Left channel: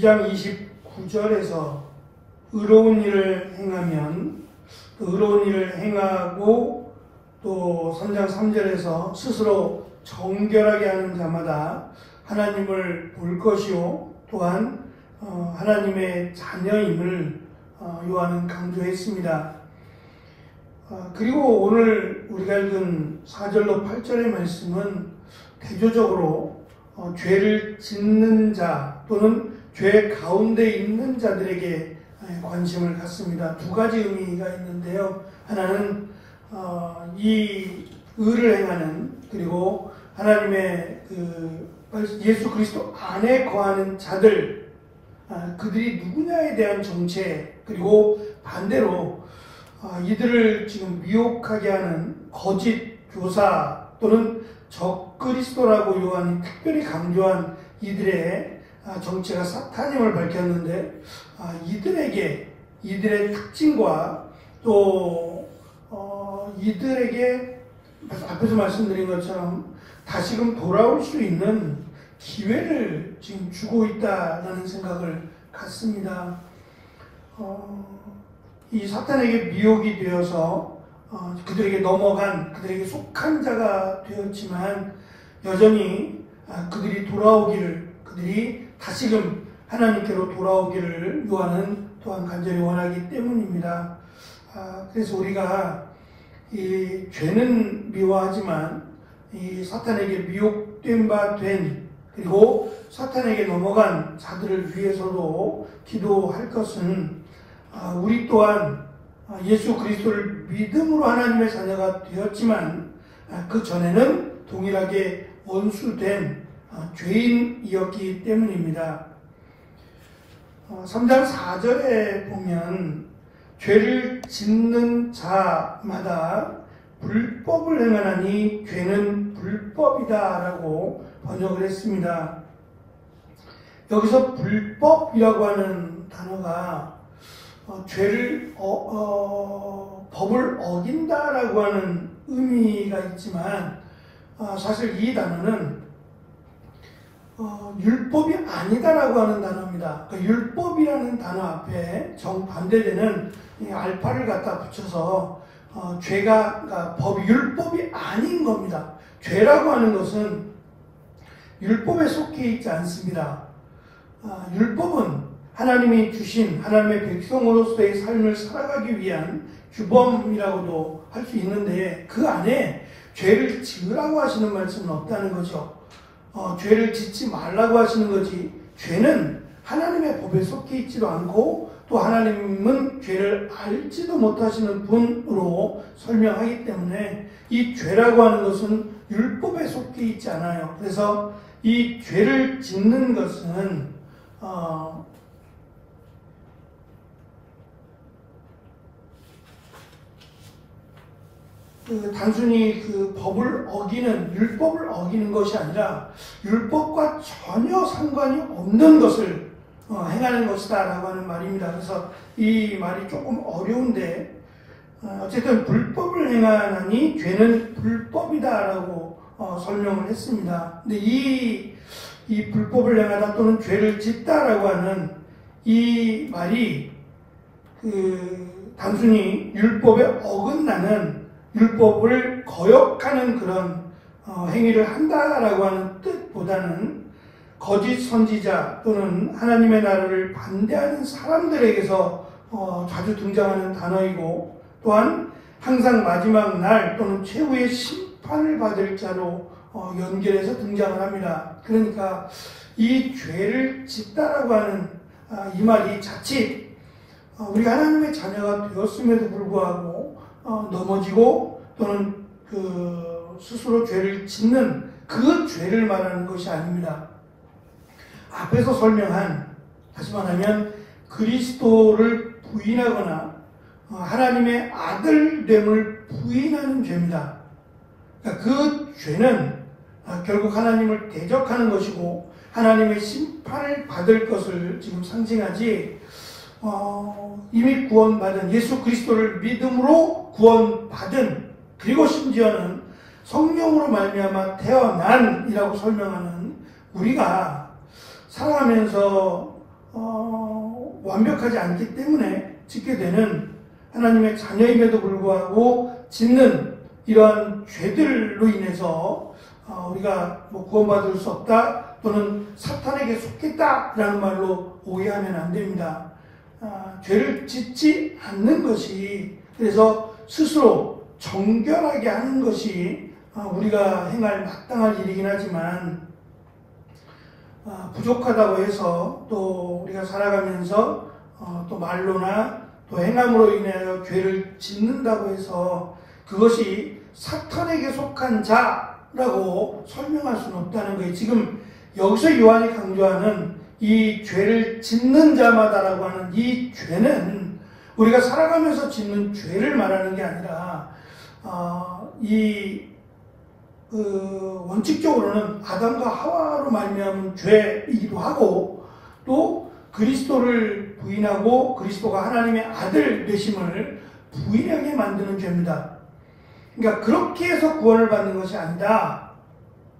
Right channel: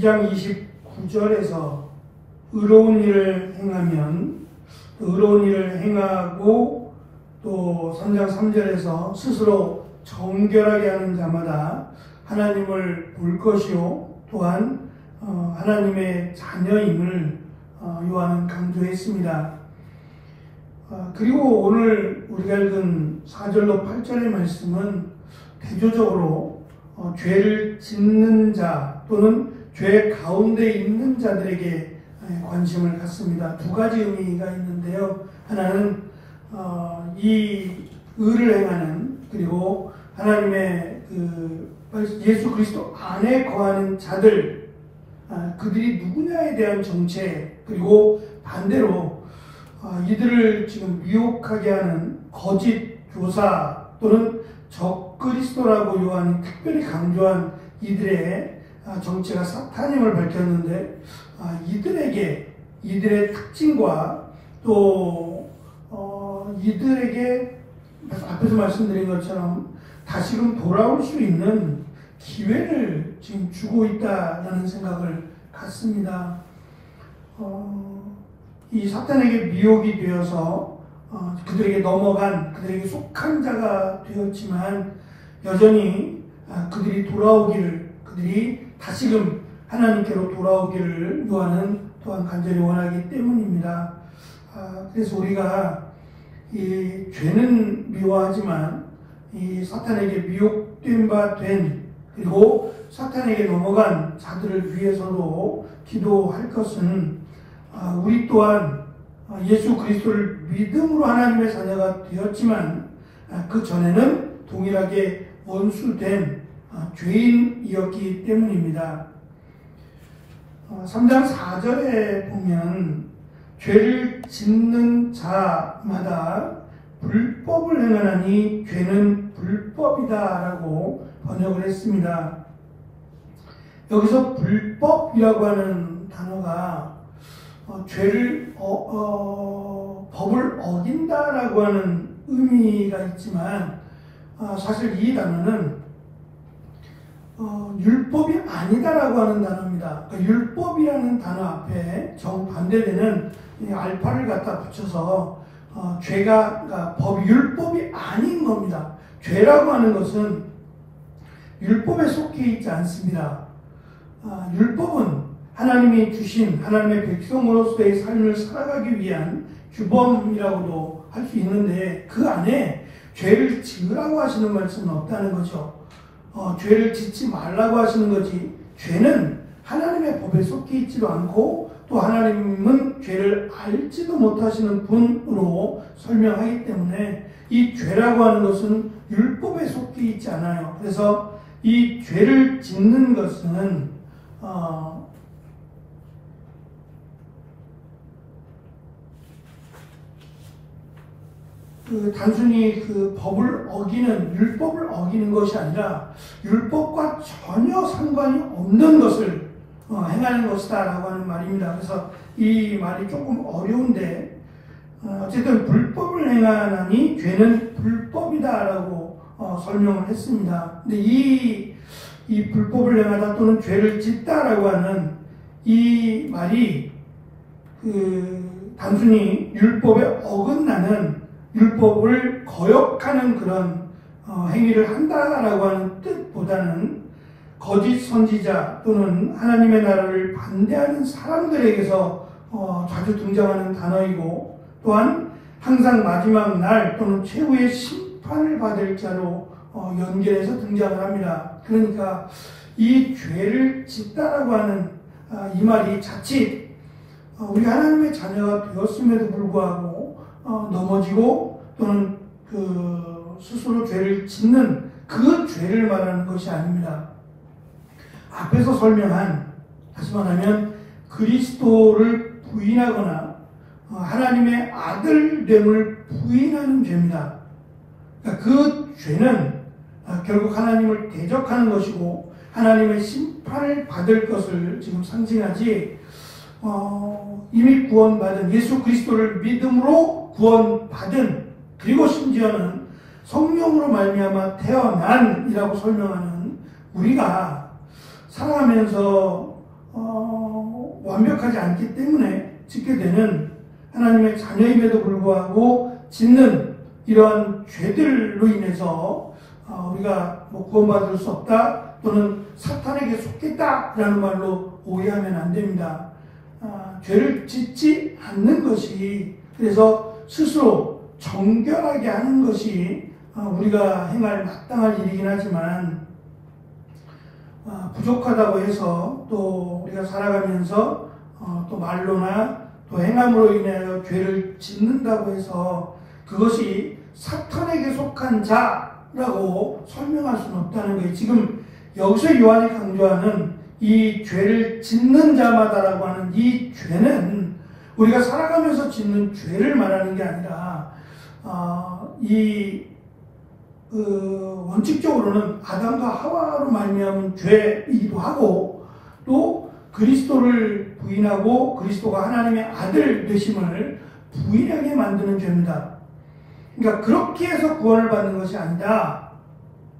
2장 29절에서 의로운 일을 행하면 또 의로운 일을 행하고 또 3장 3절에서 스스로 정결하게 하는 자마다 하나님을 볼 것이요 또한 하나님의 자녀임을 요한은 강조했습니다. 그리고 오늘 우리가 읽은 4절로 8절의 말씀은 대조적으로 죄를 짓는 자 또는 죄 가운데 있는 자들에게 관심을 갖습니다. 두 가지 의미가 있는데요. 하나는 이 의를 행하는 그리고 하나님의 예수 그리스도 안에 거하는 자들 그들이 누구냐에 대한 정체 그리고 반대로 이들을 지금 미혹하게 하는 거짓 교사 또는 적그리스도라고 요한이 특별히 강조한 이들의 정체가 사탄임을 밝혔는데 이들의 특징과 또 이들에게 앞에서 말씀드린 것처럼 다시금 돌아올 수 있는 기회를 지금 주고 있다라는 생각을 갖습니다. 이 사탄에게 미혹이 되어서 그들에게 넘어간 그들에게 속한 자가 되었지만 여전히 그들이 돌아오기를 그들이 다시금 하나님께로 돌아오기를 요한은 또한 간절히 원하기 때문입니다. 그래서 우리가 이 죄는 미워하지만 이 사탄에게 미혹된 바 된 그리고 사탄에게 넘어간 자들을 위해서도 기도할 것은 우리 또한 예수 그리스도를 믿음으로 하나님의 자녀가 되었지만 그 전에는 동일하게 원수된 죄인이었기 때문입니다. 3장 4절에 보면 죄를 짓는 자마다 불법을 행하나니 죄는 불법이다 라고 번역을 했습니다. 여기서 불법이라고 하는 단어가 죄를 법을 어긴다라고 하는 의미가 있지만 사실 이 단어는 율법이 아니다라고 하는 단어입니다. 그러니까 율법이라는 단어 앞에 정반대되는 알파를 갖다 붙여서 죄가 율법이 아닌 겁니다. 죄라고 하는 것은 율법에 속해 있지 않습니다. 율법은 하나님이 주신 하나님의 백성으로서의 삶을 살아가기 위한 규범이라고도 할 수 있는데 그 안에 죄를 지으라고 하시는 말씀은 없다는 거죠. 죄를 짓지 말라고 하시는 거지 죄는 하나님의 법에 속해 있지도 않고 또 하나님은 죄를 알지도 못하시는 분으로 설명하기 때문에 이 죄라고 하는 것은 율법에 속해 있지 않아요. 그래서 이 죄를 짓는 것은 단순히 그 법을 어기는 율법을 어기는 것이 아니라 율법과 전혀 상관이 없는 것을 행하는 것이다 라고 하는 말입니다. 그래서 이 말이 조금 어려운데 어쨌든 불법을 행하나니 죄는 불법이다 라고 설명을 했습니다. 근데 이 불법을 행하다 또는 죄를 짓다 라고 하는 이 말이 단순히 율법에 어긋나는 율법을 거역하는 그런 행위를 한다라고 하는 뜻보다는 거짓 선지자 또는 하나님의 나라를 반대하는 사람들에게서 자주 등장하는 단어이고 또한 항상 마지막 날 또는 최후의 심판을 받을 자로 연결해서 등장을 합니다. 그러니까 이 죄를 짓다라고 하는 이 말이 자칫 우리가 하나님의 자녀가 되었음에도 불구하고 넘어지고 또는 스스로 죄를 짓는 그 죄를 말하는 것이 아닙니다. 앞에서 설명한 다시 말하면 그리스도를 부인하거나 하나님의 아들됨을 부인하는 죄입니다. 그러니까 그 죄는 결국 하나님을 대적하는 것이고 하나님의 심판을 받을 것을 지금 상징하지 이미 구원받은 예수 그리스도를 믿음으로 구원받은 그리고 심지어는 성령으로 말미암아 태어난이라고 설명하는 우리가 살아가면서 완벽하지 않기 때문에 짓게 되는 하나님의 자녀임에도 불구하고 짓는 이러한 죄들로 인해서 우리가 뭐 구원받을 수 없다 또는 사탄에게 속했다라는 말로 오해하면 안 됩니다. 죄를 짓지 않는 것이, 그래서 스스로 정결하게 하는 것이 우리가 행할 마땅한 일이긴 하지만 부족하다고 해서 또 우리가 살아가면서 또 말로나 또 행함으로 인하여 죄를 짓는다고 해서 그것이 사탄에게 속한 자라고 설명할 수는 없다는 거예요. 지금 여기서 요한이 강조하는 이 죄를 짓는 자마다라고 하는 이 죄는 우리가 살아가면서 짓는 죄를 말하는 게 아니라 원칙적으로는 아담과 하와로 말미암은 죄이기도 하고 또 그리스도를 부인하고 그리스도가 하나님의 아들 되심을 부인하게 만드는 죄입니다. 그러니까 그렇게 해서 구원을 받는 것이 아니다.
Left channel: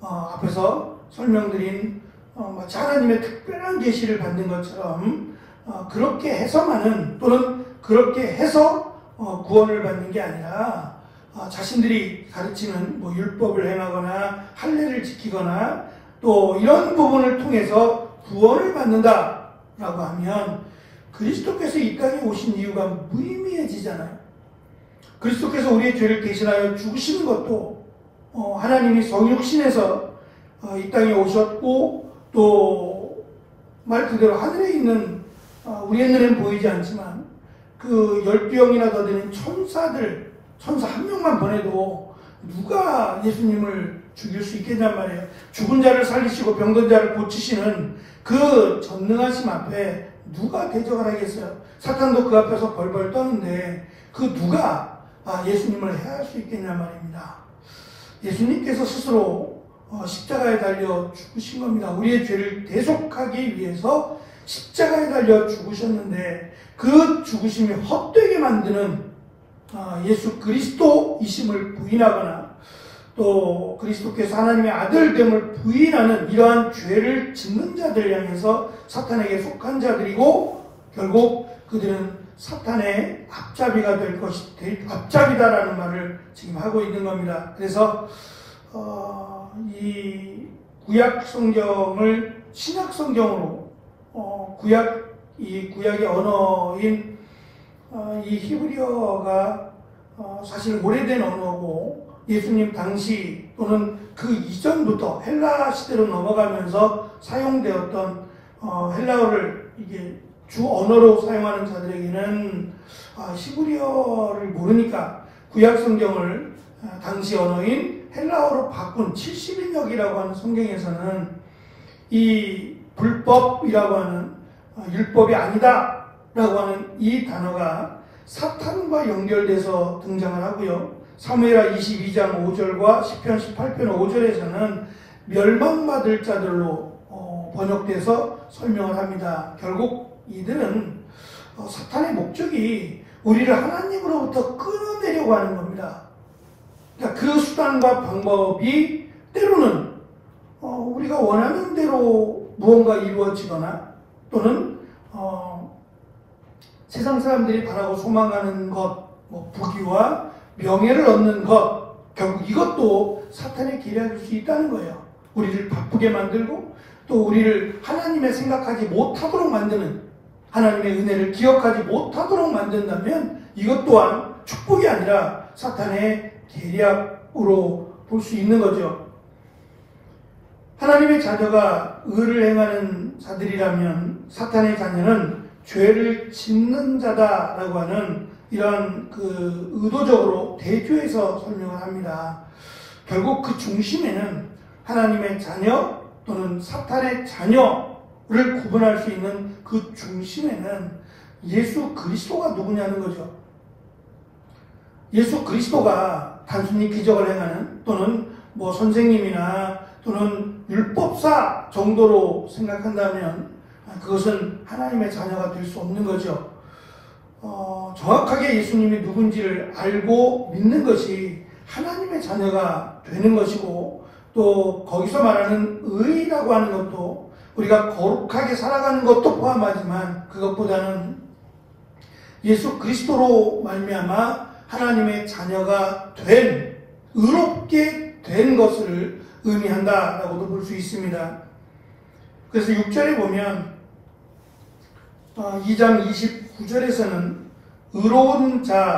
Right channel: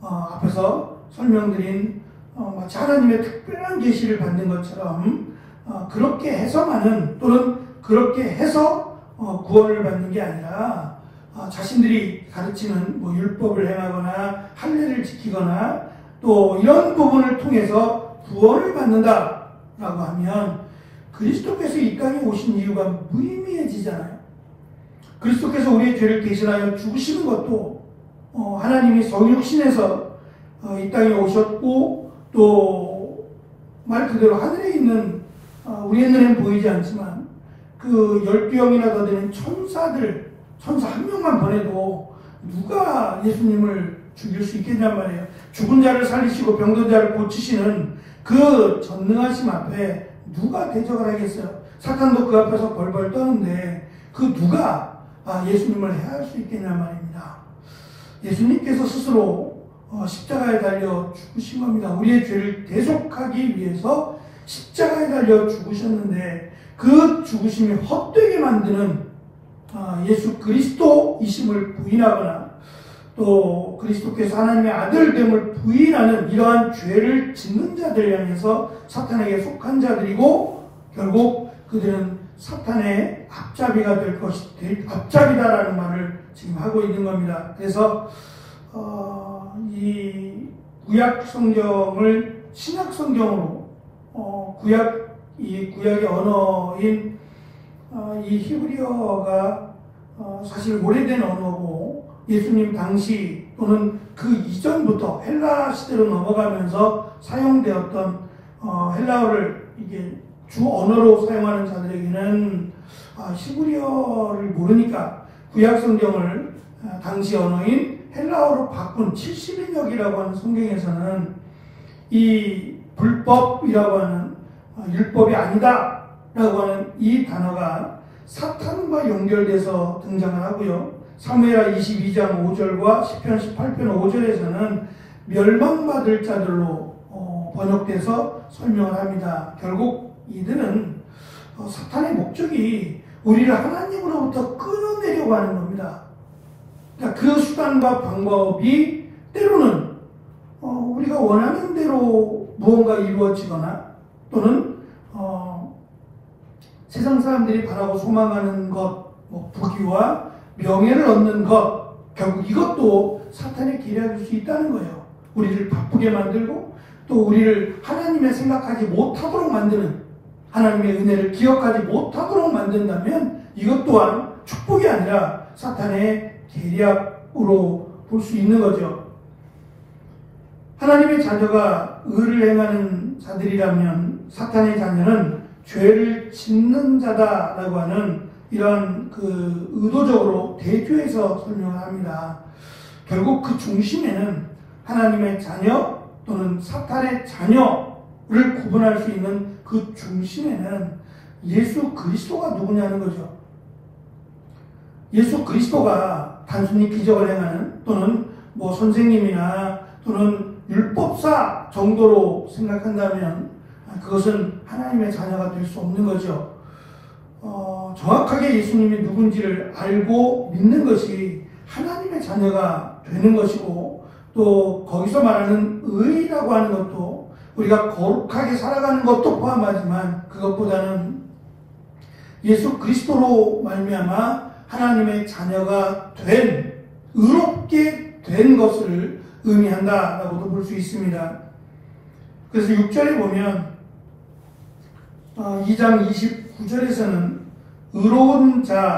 앞에서 설명드린 마치 하나님의 특별한 계시를 받는 것처럼 그렇게 해서만은 또는 그렇게 해서 구원을 받는 게 아니라 자신들이 가르치는 뭐 율법을 행하거나 할례를 지키거나 또 이런 부분을 통해서 구원을 받는다라고 하면 그리스도께서 이 땅에 오신 이유가 무의미해지잖아요. 그리스도께서 우리의 죄를 대신하여 죽으시는 것도 하나님이 성육신에서 이 땅에 오셨고 또 말 그대로 하늘에 있는 우리의 눈에는 보이지 않지만 그 12영이나 더 되는 천사 한 명만 보내도 누가 예수님을 죽일 수 있겠냔 말이에요. 죽은 자를 살리시고 병든 자를 고치시는 그 전능하심 앞에 누가 대적을 하겠어요? 사탄도 그 앞에서 벌벌 떠는데 그 누가 예수님을 해할 수 있겠냔 말입니다. 예수님께서 스스로 십자가에 달려 죽으신 겁니다. 우리의 죄를 대속하기 위해서 십자가에 달려 죽으셨는데 그 죽으심이 헛되게 만드는 예수 그리스도이심을 부인하거나 또 그리스도께서 하나님의 아들됨을 부인하는 이러한 죄를 짓는 자들 향해서 사탄에게 속한 자들이고 결국 그들은 사탄의 앞잡이가 될 앞잡이다라는 말을 지금 하고 있는 겁니다. 그래서 이 구약 성경을 신약 성경으로 구약의 언어인 이 히브리어가 사실 오래된 언어고 예수님 당시 또는 그 이전부터 헬라 시대로 넘어가면서 사용되었던 헬라어를 이게 주 언어로 사용하는 자들에게는 히브리어를 모르니까 구약 성경을 당시 언어인 헬라어로 바꾼 70인역이라고 하는 성경에서는 이 불법이라고 하는 율법이 아니다 라고 하는 이 단어가 사탄과 연결돼서 등장을 하고요. 사무엘하 22장 5절과 시편 18편 5절에서는 멸망받을 자들로 번역돼서 설명을 합니다. 결국 이들은 사탄의 목적이 우리를 하나님으로부터 끊어내려고 하는 겁니다. 그러니까 그 수단과 방법이 때로는 우리가 원하는 대로 무언가 이루어지거나 또는 세상 사람들이 바라고 소망하는 것, 뭐 부귀와 명예를 얻는 것, 결국 이것도 사탄의 계략일 수 있다는 거예요. 우리를 바쁘게 만들고 또 우리를 하나님의 생각하지 못하도록 만드는, 하나님의 은혜를 기억하지 못하도록 만든다면 이것 또한 축복이 아니라 사탄의 계략으로 볼 수 있는 거죠. 하나님의 자녀가 의를 행하는 자들이라면 사탄의 자녀는 죄를 짓는 자다라고 하는 이런 의도적으로 대조해서 설명을 합니다. 결국 그 중심에는 하나님의 자녀 또는 사탄의 자녀를 구분할 수 있는 그 중심에는 예수 그리스도가 누구냐는 거죠. 예수 그리스도가 단순히 기적을 행하는 또는 뭐 선생님이나 또는 율법사 정도로 생각한다면 그것은 하나님의 자녀가 될 수 없는 거죠. 정확하게 예수님이 누군지를 알고 믿는 것이 하나님의 자녀가 되는 것이고 또 거기서 말하는 의라고 하는 것도 우리가 거룩하게 살아가는 것도 포함하지만 그것보다는 예수 그리스도로 말미암아 하나님의 자녀가 된, 의롭게 된 것을 의미한다라고도 볼 수 있습니다. 그래서 6절에 보면 2장 29절에서는 의로운 자를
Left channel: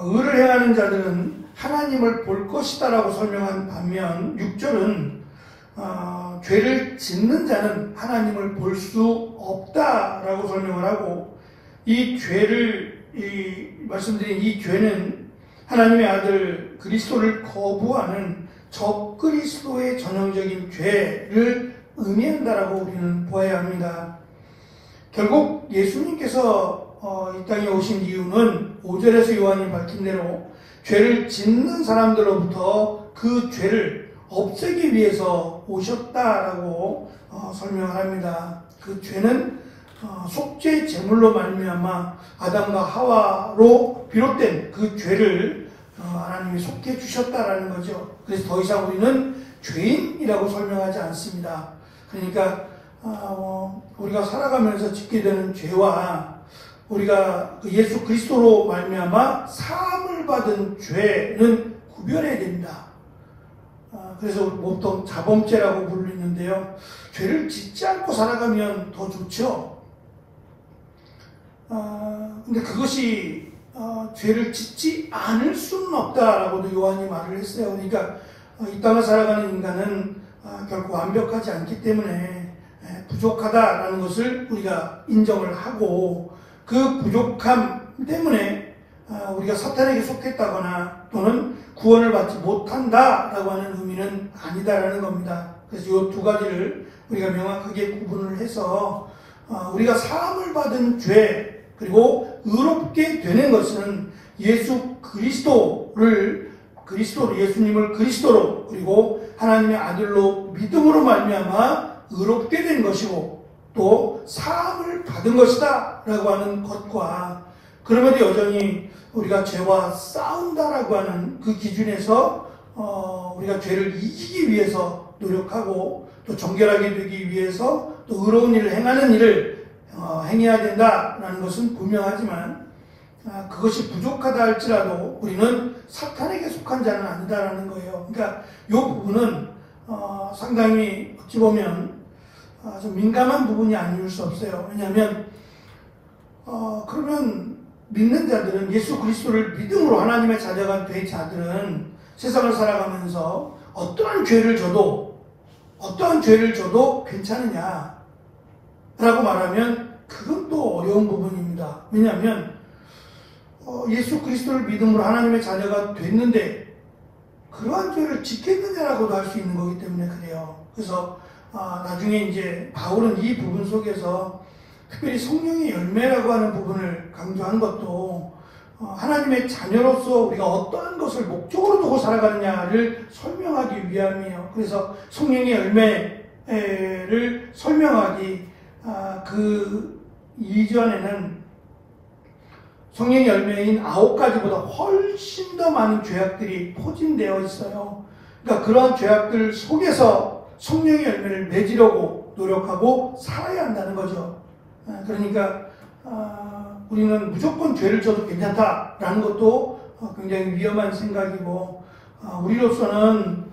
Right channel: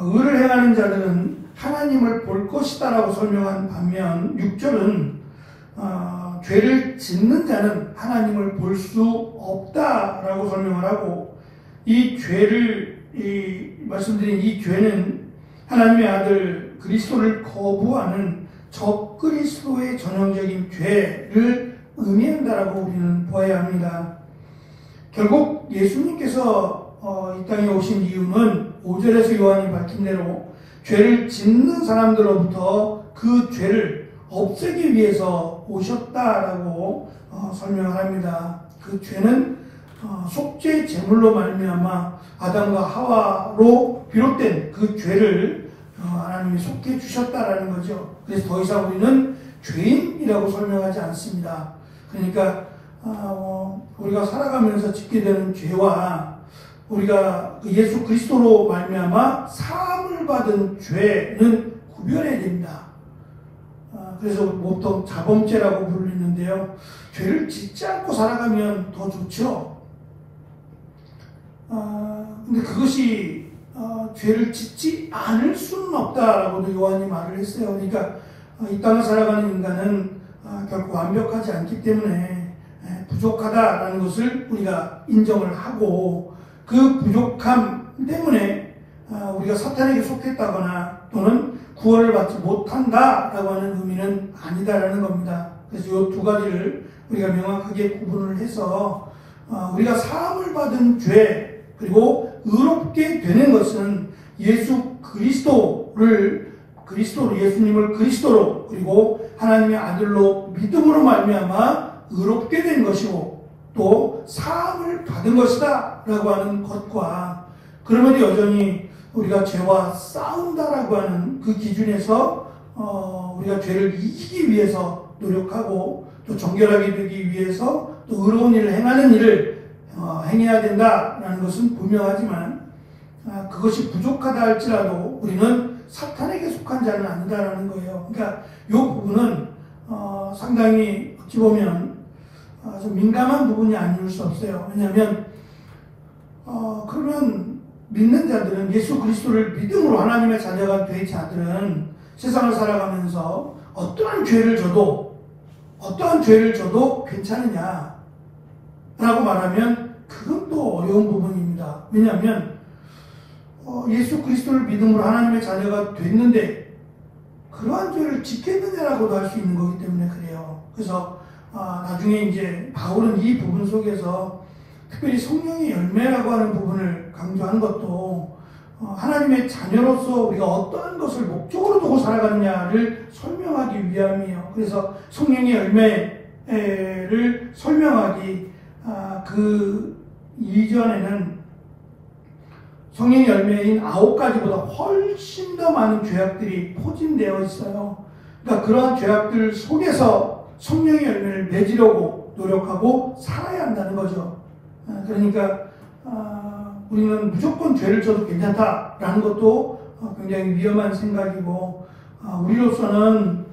의를 행하는 자들은 하나님을 볼 것이다 라고 설명한 반면 6절은 죄를 짓는 자는 하나님을 볼 수 없다 라고 설명을 하고, 이 죄를 말씀드린 이 죄는 하나님의 아들 그리스도를 거부하는 적그리스도의 전형적인 죄를 의미한다라고 우리는 보아야 합니다. 결국 예수님께서 이 땅에 오신 이유는 5절에서 요한이 밝힌 대로 죄를 짓는 사람들로부터 그 죄를 없애기 위해서 오셨다라고 설명을 합니다. 그 죄는 속죄 제물로 말미암아 아담과 하와로 비롯된 그 죄를 하나님이 속해 주셨다라는 거죠. 그래서 더 이상 우리는 죄인이라고 설명하지 않습니다. 그러니까 우리가 살아가면서 짓게 되는 죄와 우리가 예수 그리스도로 말미암아 사함을 받은 죄는 구별해야 됩니다. 그래서 보통 자범죄라고 부르는데요. 죄를 짓지 않고 살아가면 더 좋죠. 근데 그것이 죄를 짓지 않을 수는 없다라고도 요한이 말을 했어요. 그러니까 이 땅을 살아가는 인간은 결코 완벽하지 않기 때문에 부족하다라는 것을 우리가 인정을 하고, 그 부족함 때문에 우리가 사탄에게 속했다거나 또는 구원을 받지 못한다라고 하는 의미는 아니다라는 겁니다. 그래서 이 두 가지를 우리가 명확하게 구분을 해서 우리가 사함을 받은 죄 그리고 의롭게 되는 것은 예수 그리스도를 예수님을 그리스도로 그리고 하나님의 아들로 믿음으로 말미암아 의롭게 된 것이고 또 사함을 받은 것이다 라고 하는 것과, 그럼에도 여전히 우리가 죄와 싸운다라고 하는 그 기준에서 우리가 죄를 이기기 위해서 노력하고 또 정결하게 되기 위해서 또 의로운 일을 행하는 일을 행해야 된다라는 것은 분명하지만 그것이 부족하다 할지라도 우리는 사탄에게 속한 자는 아니다라는 거예요. 그러니까 이 부분은 상당히 어찌 보면 좀 민감한 부분이 아닐 수 없어요. 왜냐하면 그러면 믿는 자들은, 예수 그리스도를 믿음으로 하나님의 자녀가 된 자들은 세상을 살아가면서 어떠한 죄를 져도 괜찮으냐 라고 말하면 그건 또 어려운 부분입니다. 왜냐하면 예수 그리스도를 믿음으로 하나님의 자녀가 됐는데 그러한 죄를 짓겠느냐라고도 할 수 있는 거기 때문에 그래요. 그래서 나중에 이제 바울은 이 부분 속에서 특별히 성령의 열매라고 하는 부분을 강조하는 것도 하나님의 자녀로서 우리가 어떠한 것을 목적으로 두고 살아가느냐를 설명하기 위함이에요. 그래서 성령의 열매를 설명하기 그 이전에는 성령의 열매인 9가지보다 훨씬 더 많은 죄악들이 포진되어 있어요. 그러니까 그러한 죄악들 속에서 성령의 열매를 맺으려고 노력하고 살아야 한다는 거죠. 그러니까 우리는 무조건 죄를 져도 괜찮다라는 것도 굉장히 위험한 생각이고, 우리로서는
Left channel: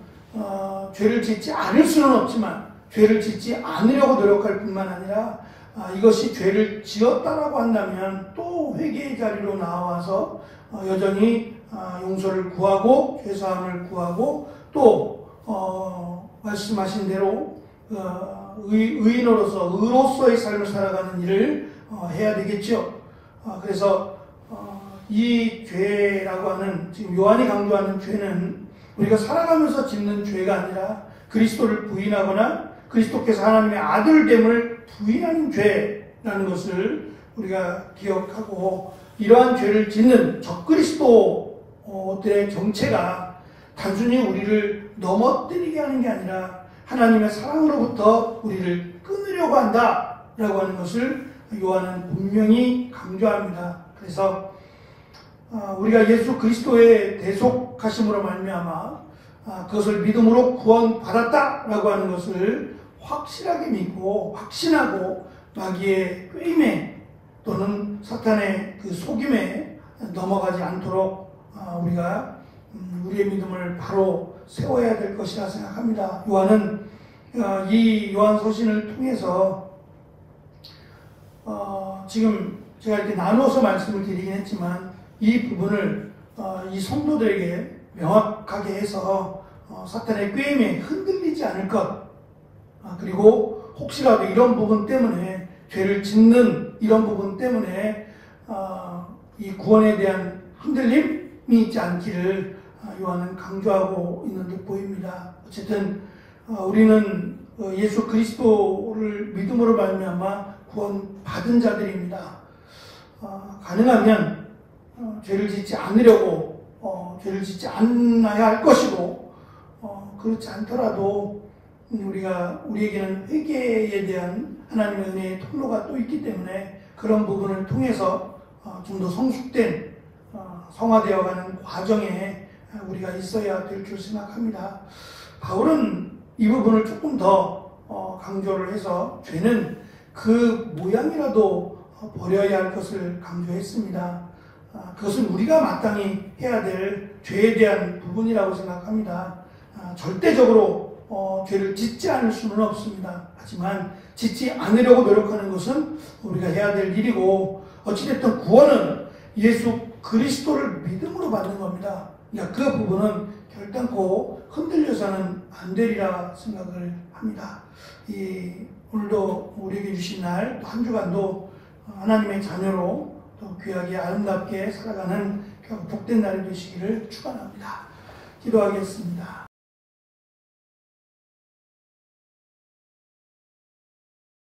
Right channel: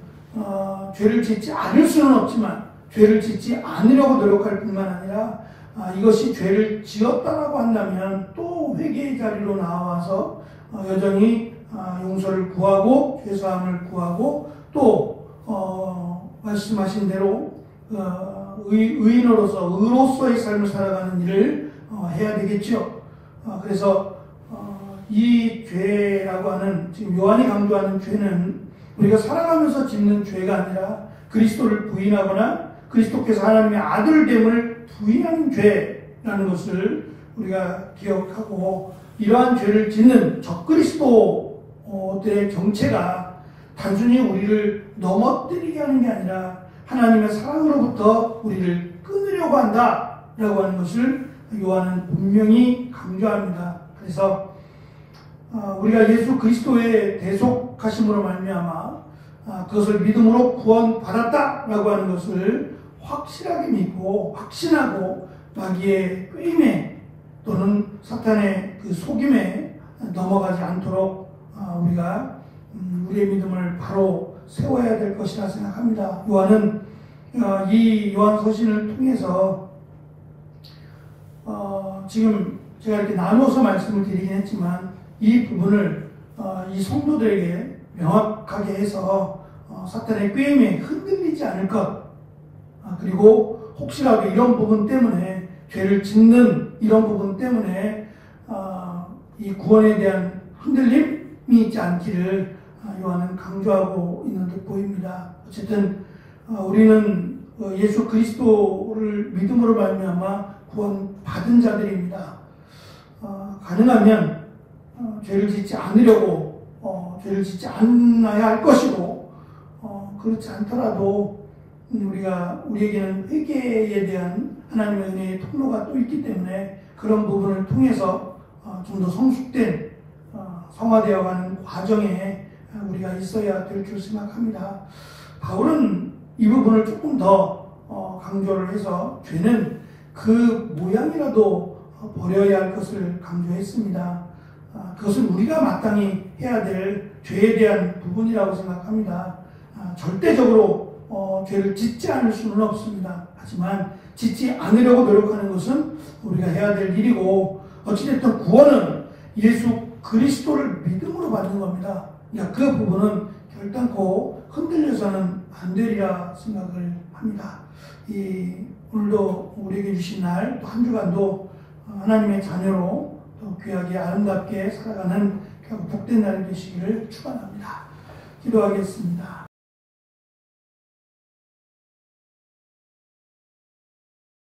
죄를 짓지 않을 수는 없지만 죄를 짓지 않으려고 노력할 뿐만 아니라 이것이 죄를 지었다라고 한다면 또 회개의 자리로 나와서 여전히 용서를 구하고 죄사함을 구하고 또 말씀하신 대로 의인으로서 의로서의 삶을 살아가는 일을 해야 되겠죠. 그래서 이 죄라고 하는, 지금 요한이 강조하는 죄는 우리가 살아가면서 짓는 죄가 아니라 그리스도를 부인하거나 그리스도께서 하나님의 아들됨을 부인하는 죄라는 것을 우리가 기억하고, 이러한 죄를 짓는 적그리스도들의 정체가 단순히 우리를 넘어뜨리게 하는 게 아니라 하나님의 사랑으로부터 우리를 끊으려고 한다라고 하는 것을 요한은 분명히 강조합니다. 그래서 우리가 예수 그리스도의 대속하심으로 말미암아 그것을 믿음으로 구원받았다라고 하는 것을 확실하게 믿고 확신하고 마귀의 꾀임에 또는 사탄의 그 속임에 넘어가지 않도록 우리가 우리의 믿음을 바로 세워야 될 것이라 생각합니다. 요한은 이 요한 서신을 통해서 지금 제가 이렇게 나눠서 말씀을 드리긴 했지만 이 부분을 이 성도들에게 명확하게 해서 사탄의 꾀임에 흔들리지 않을 것, 그리고 혹시라도 이런 부분 때문에 죄를 짓는 이런 부분 때문에 이 구원에 대한 흔들림이 있지 않기를 요한은 강조하고 있는 듯 보입니다. 어쨌든 우리는 예수 그리스도를 믿음으로 말미암아 구원 받은 자들입니다. 가능하면 죄를 짓지 않으려고 죄를 짓지 않아야 할 것이고 그렇지 않더라도 우리에게는 회개에 대한 하나님의 은혜의 통로가 또 있기 때문에 그런 부분을 통해서 좀 더 성숙된 성화되어가는 과정에 우리가 있어야 될 줄 생각합니다. 바울은 이 부분을 조금 더 강조를 해서 죄는 그 모양이라도 버려야 할 것을 강조했습니다. 그것은 우리가 마땅히 해야 될 죄에 대한 부분이라고 생각합니다. 절대적으로 죄를 짓지 않을 수는 없습니다. 하지만 짓지 않으려고 노력하는 것은 우리가 해야 될 일이고 어찌됐든 구원은 예수 그리스도를 믿음으로 받는 겁니다. 그러니까 그 부분은 결단코 흔들려서는 안 되리라 생각을 합니다. 오늘도 우리에게 주신 날 또 한 주간도 하나님의 자녀로 또 귀하게 아름답게 살아가는 복된 날이 되시기를 축원합니다. 기도하겠습니다.